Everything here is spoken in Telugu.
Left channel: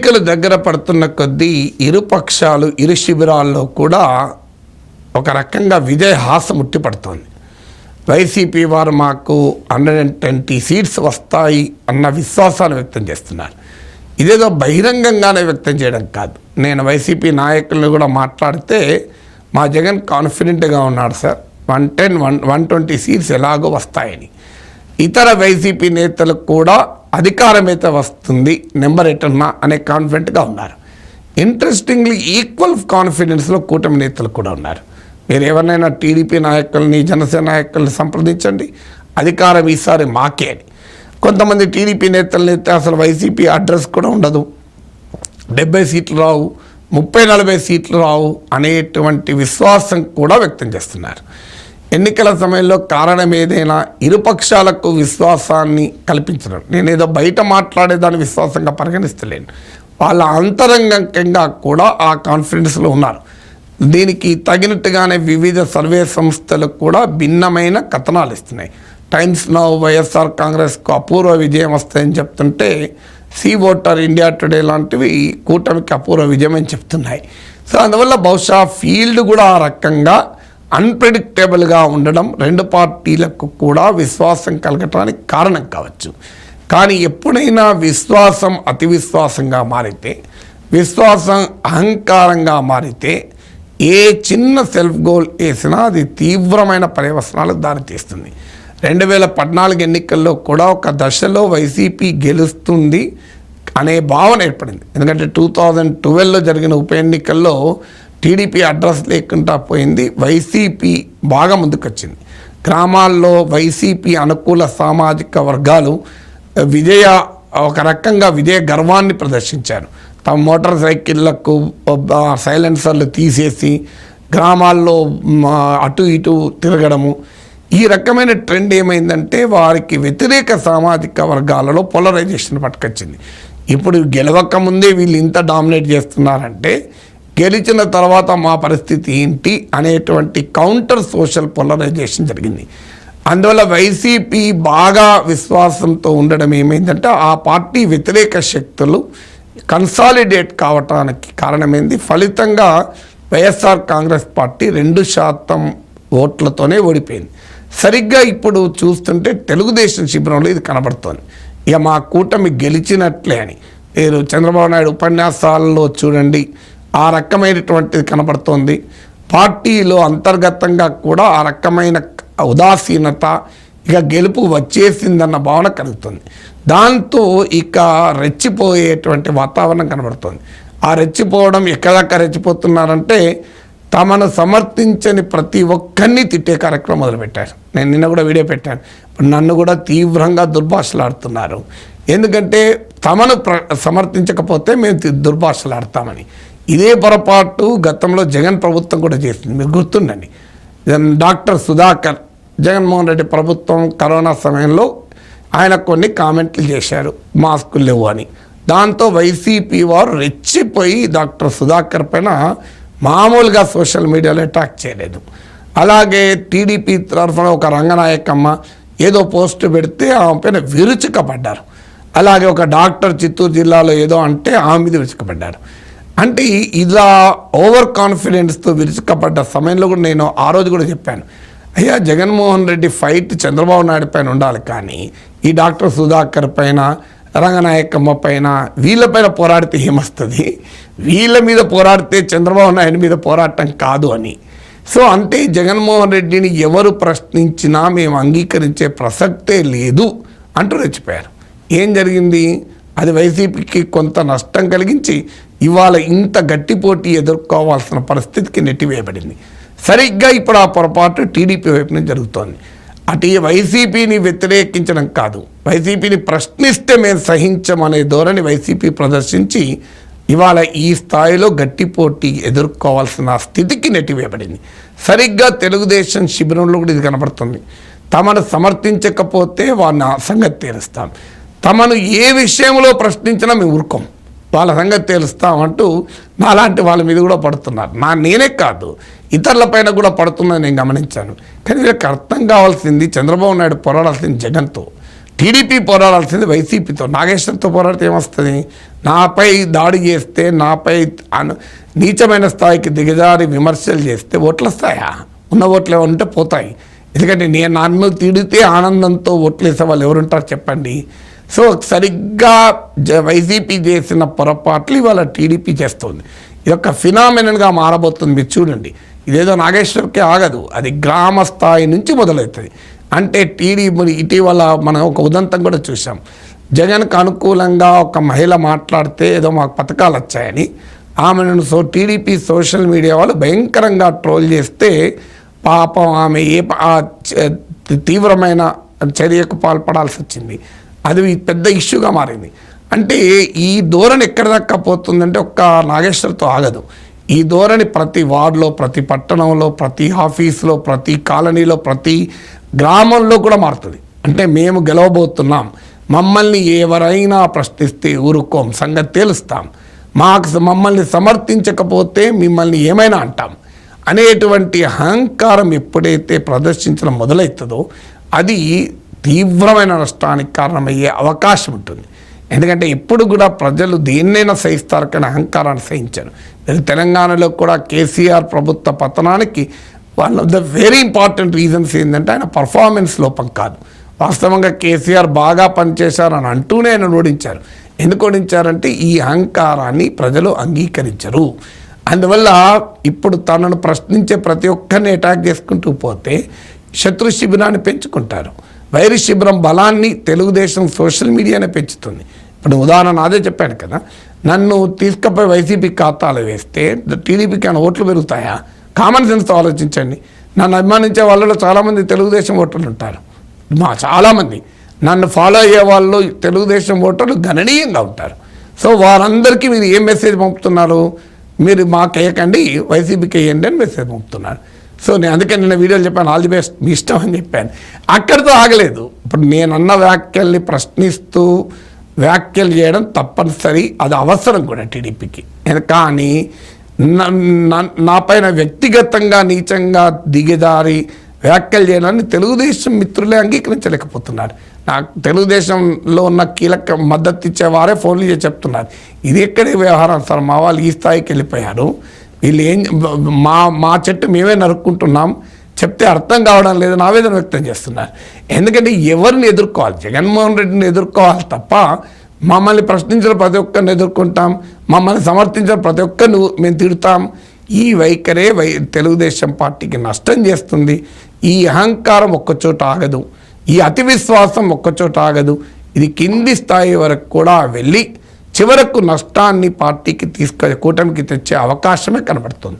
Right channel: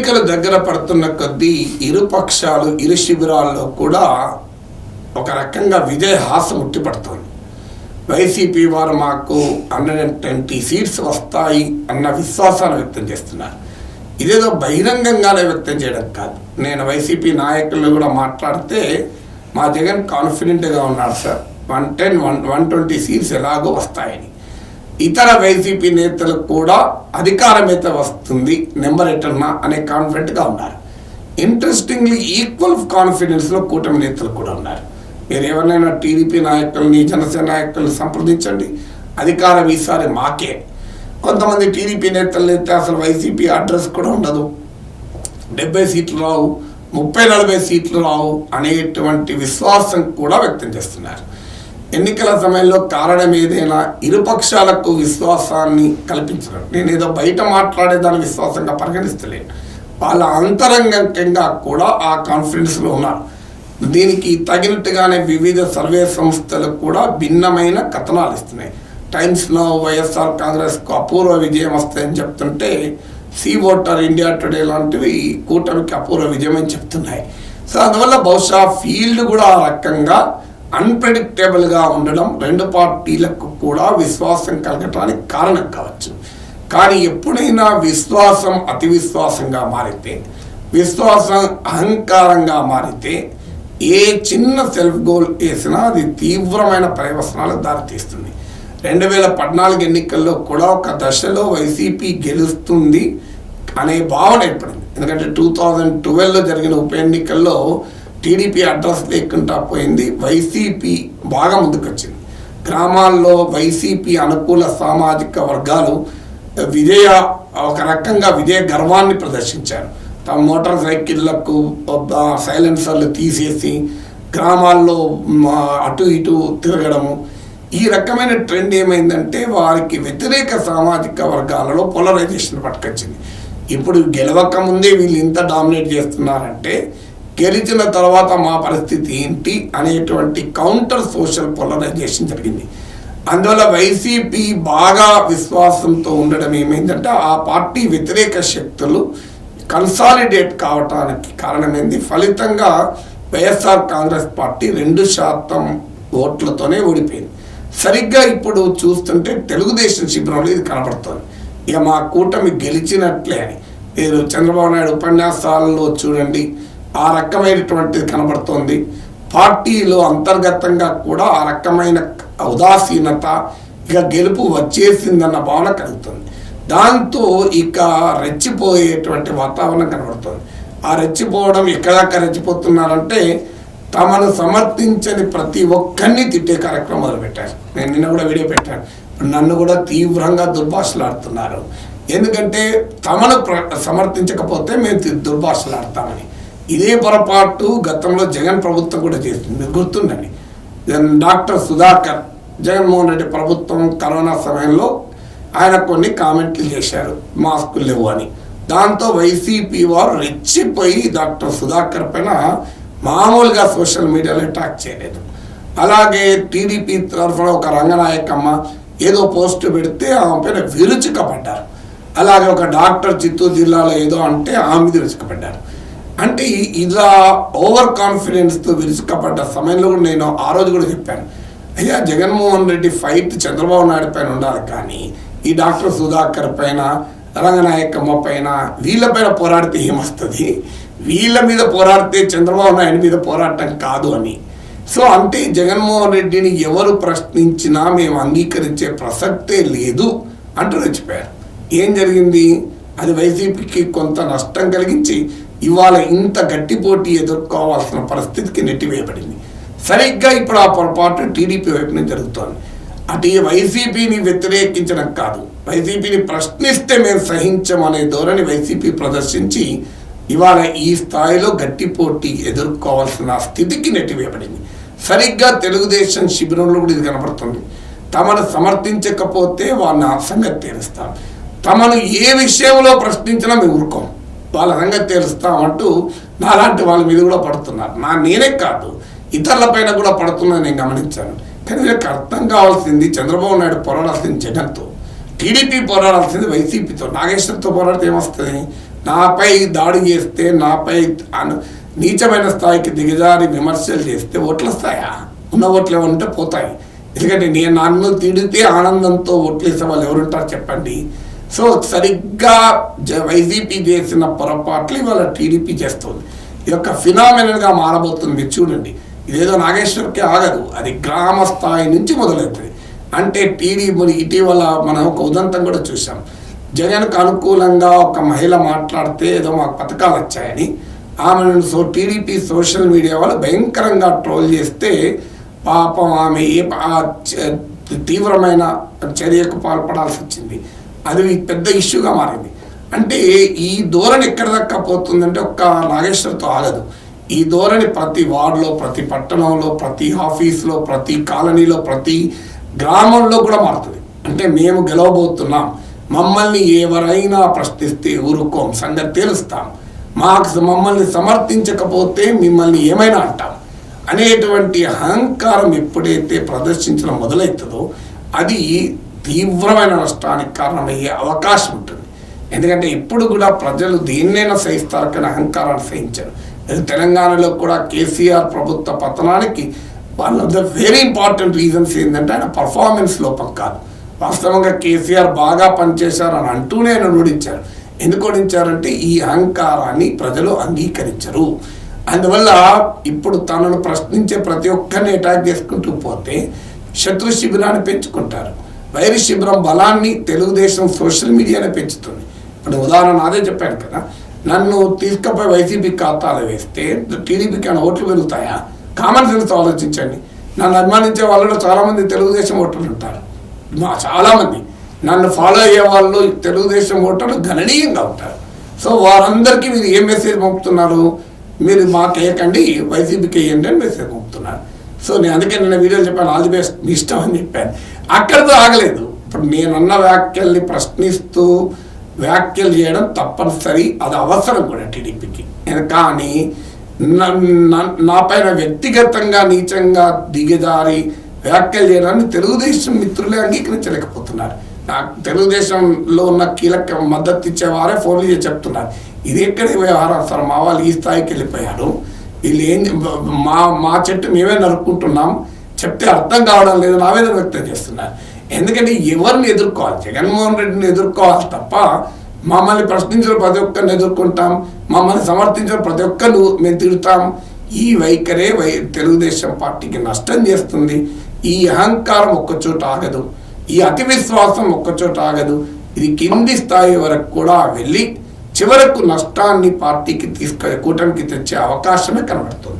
ఎన్నికలు దగ్గర పడుతున్న కొద్దీ ఇరు పక్షాలు ఇరు శిబిరాల్లో కూడా ఒక రకంగా విజయ హాసం ముట్టిపడుతోంది. వైసీపీ వారు మాకు 120 సీట్స్ వస్తాయి అన్న విశ్వాసాన్ని వ్యక్తం చేస్తున్నారు. ఇదేదో బహిరంగంగానే వ్యక్తం చేయడం కాదు. నేను వైసీపీ నాయకులను కూడా మాట్లాడితే మా జగన్ కాన్ఫిడెంట్గా ఉన్నాడు సార్, 120 సీట్స్ ఎలాగో వస్తాయని. ఇతర వైసీపీ నేతలకు కూడా అధికారమైతే వస్తుంది, నెంబర్ ఎటన్నా అనే కాన్ఫిడెంట్గా ఉన్నారు. ఇంట్రెస్టింగ్లీ ఈక్వల్ కాన్ఫిడెన్స్లో కూటమి నేతలు కూడా ఉన్నారు. మీరు ఎవరినైనా టీడీపీ నాయకుల్ని జనసేన నాయకుల్ని సంప్రదించండి, అధికారం ఈసారి మాకే. కొంతమంది టీడీపీ నేతలైతే అసలు వైసీపీ అడ్రస్ కూడా ఉండదు, 70 సీట్లు రావు, 30-40 సీట్లు రావు అనేటువంటి విశ్వాసం కూడా వ్యక్తం చేస్తున్నారు. ఎన్నికల సమయంలో కారణం ఏదైనా ఇరుపక్షాలకు విశ్వాసాన్ని కల్పించడం. నేనేదో బయట మాట్లాడేదాన్ని విశ్వాసంగా పరిగణిస్తలేను, వాళ్ళ అంతరంగంగా కూడా ఆ కాన్ఫిడెన్స్లో ఉన్నారు. దీనికి తగినట్టుగానే వివిధ సర్వే సంస్థలు కూడా భిన్నమైన కథనాలు ఇస్తున్నాయి. టైమ్స్ నౌ వైఎస్ఆర్ కాంగ్రెస్కు అపూర్వ విజయం వస్తాయని చెప్తుంటే సీ ఓటర్, ఇండియా టుడే లాంటివి కూటమికి అపూర్వ విజయం అని చెప్తున్నాయి. సో అందువల్ల బహుశా ఫీల్డ్ కూడా ఆ రకంగా అన్ప్రెడిక్టబుల్గా ఉండడం రెండు పార్టీలకు కూడా విశ్వాసం కలగటానికి కారణం కావచ్చు. కానీ ఎప్పుడైనా విశ్వాసం అతి విశ్వాసంగా మారితే, విశ్వాసం అహంకారంగా మారితే, ఏ చిన్న సెల్ఫ్ గోల్ వేసినా అది తీవ్రమైన పర్యవసనాలకు దారితీస్తుంది. 2014 ఎన్నికల్లో కూడా ఒక దశలో వైసీపీ గెలుస్తుంది అనే భావన ఏర్పడింది. ఎందుకంటే 2012లో జరిగిన ఉప ఎన్నికల్లో టీడీపీ అడ్రస్ లేకుండా పోయింది, వైసీపీ బాగా ముందుకొచ్చింది. గ్రామాల్లో వైసీపీ అనుకూల సామాజిక వర్గాలు ఒక రకంగా విజయ గర్వాన్ని ప్రదర్శించారు. తమ మోటార్ సైకిళ్లకు సైలెన్సర్లు తీసేసి గ్రామాల్లో అటు ఇటు తిరగడము, ఈ రకమైన ట్రెండ్ ఏమైందంటే వారికి వ్యతిరేక సామాజిక వర్గాలలో పోలరైజేషన్ పట్టుకొచ్చింది. ఇప్పుడు గెలవక ముందే వీళ్ళు ఇంత డామినేట్ చేస్తున్నారంటే గెలిచిన తర్వాత మా పరిస్థితి ఏంటి అనేటువంటి కౌంటర్ సోషల్ పోలరైజేషన్ జరిగింది. అందువల్ల వైసీపీ బాగా విశ్వాసంతో ఉండడం ఏమైందంటే ఆ పార్టీ వ్యతిరేక శక్తులు కన్సాలిడేట్ కావటానికి కారణమైంది. ఫలితంగా వైఎస్ఆర్ కాంగ్రెస్ పార్టీ 2% ఓట్లతోనే ఓడిపోయింది. సరిగ్గా ఇప్పుడు చూస్తుంటే తెలుగుదేశం శిబిరంలో ఇది కనబడుతోంది. ఇక మా కూటమి గెలిచినట్లే అని. మీరు చంద్రబాబు నాయుడు ఉపన్యాసాలలో చూడండి, ఆ రకమైనటువంటిది కనబడుతోంది. పార్టీలో అంతర్గతంగా కూడా ఆ రకమైన ఉదాసీనత, ఇక గెలుపు వచ్చేసిందన్న భావన కలుగుతుంది. దాంతో ఇక రెచ్చిపోయేటువంటి వాతావరణం కనబడుతుంది. ఆ రెచ్చిపోవడం ఎక్కడాక రెచ్చిపోతున్నారంటే తమను సమర్థించని ప్రతి ఒక్కరిని తిట్టే కార్యక్రమం మొదలుపెట్టారు. నేను నిన్న కూడా వీడియో పెట్టాను. ఇప్పుడు నన్ను కూడా తీవ్రంగా దుర్భాషలాడుతున్నారు. ఎందుకంటే తమను సమర్థించకపోతే మేము దుర్భాషలాడతామని. ఇదే పొరపాటు గతంలో జగన్ ప్రభుత్వం కూడా చేస్తుంది, మీకు గుర్తుందని. డాక్టర్ సుధాకర్, జగన్మోహన్ రెడ్డి ప్రభుత్వం కరోనా సమయంలో ఆయన కొన్ని కామెంట్లు చేశారు, మాస్కులు లేవు అని. దాంతో వైసీపీ వారు రెచ్చిపోయి డాక్టర్ సుధాకర్ పైన మామూలుగా సోషల్ మీడియాలో అటాక్ చేయలేదు. అలాగే టీడీపీ తరఫున ఒక రంగనాయకమ్మ ఏదో పోస్ట్ పెడితే ఆమె పైన విరుచుకపడ్డారు. అలాగే ఒక డాక్టర్ చిత్తూరు జిల్లాలో ఏదో అంటే ఆమె మీద విరుచుకపడ్డారు. అంటే ఇలా ఓవర్ కాన్ఫిడెన్స్తో విరుచుకపడ్డ సమయంలో కూడా నేను ఆ రోజు కూడా చెప్పాను, అయ్యా జగన్మోహన్ రెడ్డి ఫైట్ చంద్రబాబు నాయుడు పైన ఉండాలి, కానీ ఈ డాక్టర్ సుధాకర్ పైన, రంగనాయకమ్మ పైన, వీళ్ళపైన పోరాడితే ఏమొస్తుంది, వీళ్ళ మీద పోరాడితే చంద్రబాబు నాయుడు మీద పోరాటం కాదు అని. సో అంటే జగన్మోహన్ రెడ్డిని ఎవరు ప్రశ్నించినా మేము అంగీకరించే ప్రసక్తే లేదు అంటూ రెచ్చిపోయారు. ఏం జరిగింది? అది వైసీపీకి కొంత నష్టం కలిగించి ఇవాళ ఇంత గట్టి పోటీ ఎదుర్కోవాల్సిన పరిస్థితికి నెట్టివేయబడింది. సరిగ్గా ఇప్పుడు ఆ పొరపాటు టీడీపీ వైపు నుంచి జరుగుతోంది. అటు వైసీపీని వ్యతిరేకించడం కాదు, వైసీపీని ప్రశ్నిస్తే మేము సహించమనే ధోరణి వైసీపీ ప్రదర్శించి ఇవాళ ఈ స్థాయిలో గట్టి పోటీ ఎదుర్కోవాల్సిన స్థితికి నెట్టివేయబడింది. సరిగ్గా తెలుగుదేశం శిబిరంలో కూడా ఇది కనబడుతుంది. తమను సమర్థించకపోతే వారిని సంగతి తీరుస్తాం, తమను ఏ విషయంలో ప్రశ్నించినా మేము ఊరుకోం, వాళ్ళ సంగతి తీరుస్తామంటూ నాలాంటి వాళ్ళ మీద కూడా పడుతున్నారు. నేనే కాదు, ఇతరులపైన కూడా పడుతుందని నేను గమనించాను. కానీ వీళ్ళకి అర్థం కావాల్సింది చంద్రబాబు నాయుడు పోరాడాల్సింది జగన్తో, టీడీపీ పోరాడాల్సింది వైసీపీతో. నాగేశ్వరతో పోరాడితే ఏమొస్తుంది? నాపై దాడి చేస్తే, నాపై నీచమైన స్థాయికి దిగజారి విమర్శలు చేస్తే ఓట్లు వస్తాయా? ఉన్న ఓట్లు ఏమంటే పోతాయి. ఎందుకంటే నేను నన్ను తిడితే ఆనందంతో ఓట్లు వేసే వాళ్ళు ఎవరుంటారు చెప్పండి. సో సరిగ్గా వైసీపీ చేసిన పొరపాట్లు ఇవాళ టీడీపీ చేస్తుంది. ఇది ఒక ఫినామినల్గా మారబోతుంది. మీరు చూడండి, ఇదేదో నాగేశ్వర్కే ఆగదు, అది గ్రామ స్థాయి నుంచి మొదలవుతుంది. అంటే టీడీపీ ఇటీవల మనం ఒక ఉదంతం కూడా చూసాం. జగన్కు అనుకూలంగా ఒక మహిళ మాట్లాడితే ఏదో మాకు పథకాలు వచ్చాయని ఆమెను టీడీపీ సోషల్ మీడియా వాళ్ళు భయంకరంగా ట్రోల్ చేస్తే పాపం ఆమె తీవ్రమైన చర్యకు పాల్పడాల్సి వచ్చింది. అది పెద్ద ఇష్యూగా మారింది. అంటే ఈ ధోరణి ఎక్కడ దాకా పోతుందంటే ఒక్క నాగేశ్వర్తో ఆగదు. ఈ ధోరణి ప్రతి వార్డులో, ప్రతి పట్టణంలో, ప్రతి ఆఫీసులో, ప్రతి కాలనీలో, ప్రతి గ్రామంలో కూడా మారుతుంది. అంటే మేము గెలవబోతున్నాం, మమ్మల్ని ఎవరైనా ప్రశ్నిస్తే ఊరుకోం, సంగతి తేలుస్తాం, మమ్మల్ని సమర్థించకపోతే మిమ్మల్ని ఏమైనా అంటాం అనేటువంటి అహంకారం ఎప్పుడైతే ప్రదర్శించడం మొదలవుతుందో అది తీవ్రమైన నష్టానికి కారణమయ్యే అవకాశం ఉంటుంది. ఎందుకంటే ఇప్పుడు కూడా ప్రజలు దేన్నైనా సహిస్తారు కానీ అహంకారాన్ని సహించారు. తెలంగాణలో కూడా కేసీఆర్ ప్రభుత్వ పతనానికి one of the very important reasons ఏంటంటే ఆయన పర్ఫార్మెన్స్ లోపం కాదు. వాస్తవంగా కేసీఆర్ బాగా పనిచేశారని అంటూనే ఆయన ఓడించారు. ఎందుకు ఓడించారంటే ఈ అహంకారాన్ని ప్రజలు అంగీకరించరు. అందువల్ల ఇప్పుడు తనను ప్రశ్నించే ప్రతి ఒక్కరిని అటాక్ చేసుకుంటూ పోతే శత్రు శిబిరాన్ని పెంచుకుంటారు. వైరి శిబిరం బలాన్ని తెలుగుదేశం సోషల్ మీడియానే పెంచుతుంది. ఇప్పుడు ఉదాహరణ అదే చెప్పాను కదా, నన్ను తీసుకుపోయి వైసీపీ ఖాతాలు వేస్తే టీడీపీకి ఏమైనా ఓట్లు పెరుగుతాయా? కామన్ సెన్స్తో ఆలోచించండి. నన్ను అభిమానించే వాళ్ళలో చాలామంది తెలుగుదేశం ఓటర్లు ఉంటారు. చాలామంది నన్ను ఫాలో అయ్యే వాళ్ళు తెలుగుదేశం ఓటర్లు గణనీయంగా ఉంటారు. సో వారందరికీ మీరు ఏ మెసేజ్ పంపుతున్నారు? మీరు మాకు వేయకండి, వైసీపీకి వేయండి అని మెసేజ్ పంపుతున్నారు. సో నేను అందుకే నిన్న వీడియోలు చెప్పాను, ఆల్ ది బెస్ట్, మీ ఇష్టం అని చెప్పాను. అక్కడితో ఆగలేదు. ఇప్పుడు నేనన్న వ్యాఖ్యల్ని ప్రశ్నిస్తూ వ్యాఖ్యలు చేయడం తప్పనిసరి, అది అవసరం కూడా టీడీపీకి. కానీ నా పైన వ్యక్తిగతంగా నీచంగా దిగజారి వ్యాఖ్యలు చేయడాన్ని తెలుగుదేశం మిత్రులే అంగీకరించలేకపోతున్నారు. నాకు తెలుగుదేశంలో ఉన్న కీలక మద్దతు ఇచ్చేవారే ఫోన్లు చేసి చెప్తున్నారు, ఇది ఎక్కడే వ్యవహారం సార్, మా వాళ్ళు ఈ స్థాయికి వెళ్ళిపోయారు, వీళ్ళు ఏం మా చెట్టు మేమే నరుక్కుంటున్నాం, చెప్తే అర్థం కావడం లేదు, ఆవేదన వ్యక్తం చేస్తున్నారు. ఎందుకంటే ఎవరిని ఎదుర్కోవాలి? జగన్మోహన్ రెడ్డిని ఎదుర్కోవాలి తప్ప మమ్మల్ని ప్రశ్నించిన ప్రతి ఒక్కరిని ఎదుర్కొంటాం, మమ్మల్ని సమర్థించిన ప్రతి ఒక్కరిని మేము తిడతాం. ఈ వైఖరే తెలుగుదేశం పార్టీకి నష్టం చేస్తుంది. ఈ అహంకారం ఒక్కచోట ఆగదు, ఈ అతి విశ్వాసం ఒక్కచోట ఆగదు. ఇది కింది స్థాయి వరకు కూడా వెళ్ళి చివరకు నష్టాన్ని పార్టీకి కూటమికి తెచ్చే అవకాశమే కనబడుతుంది.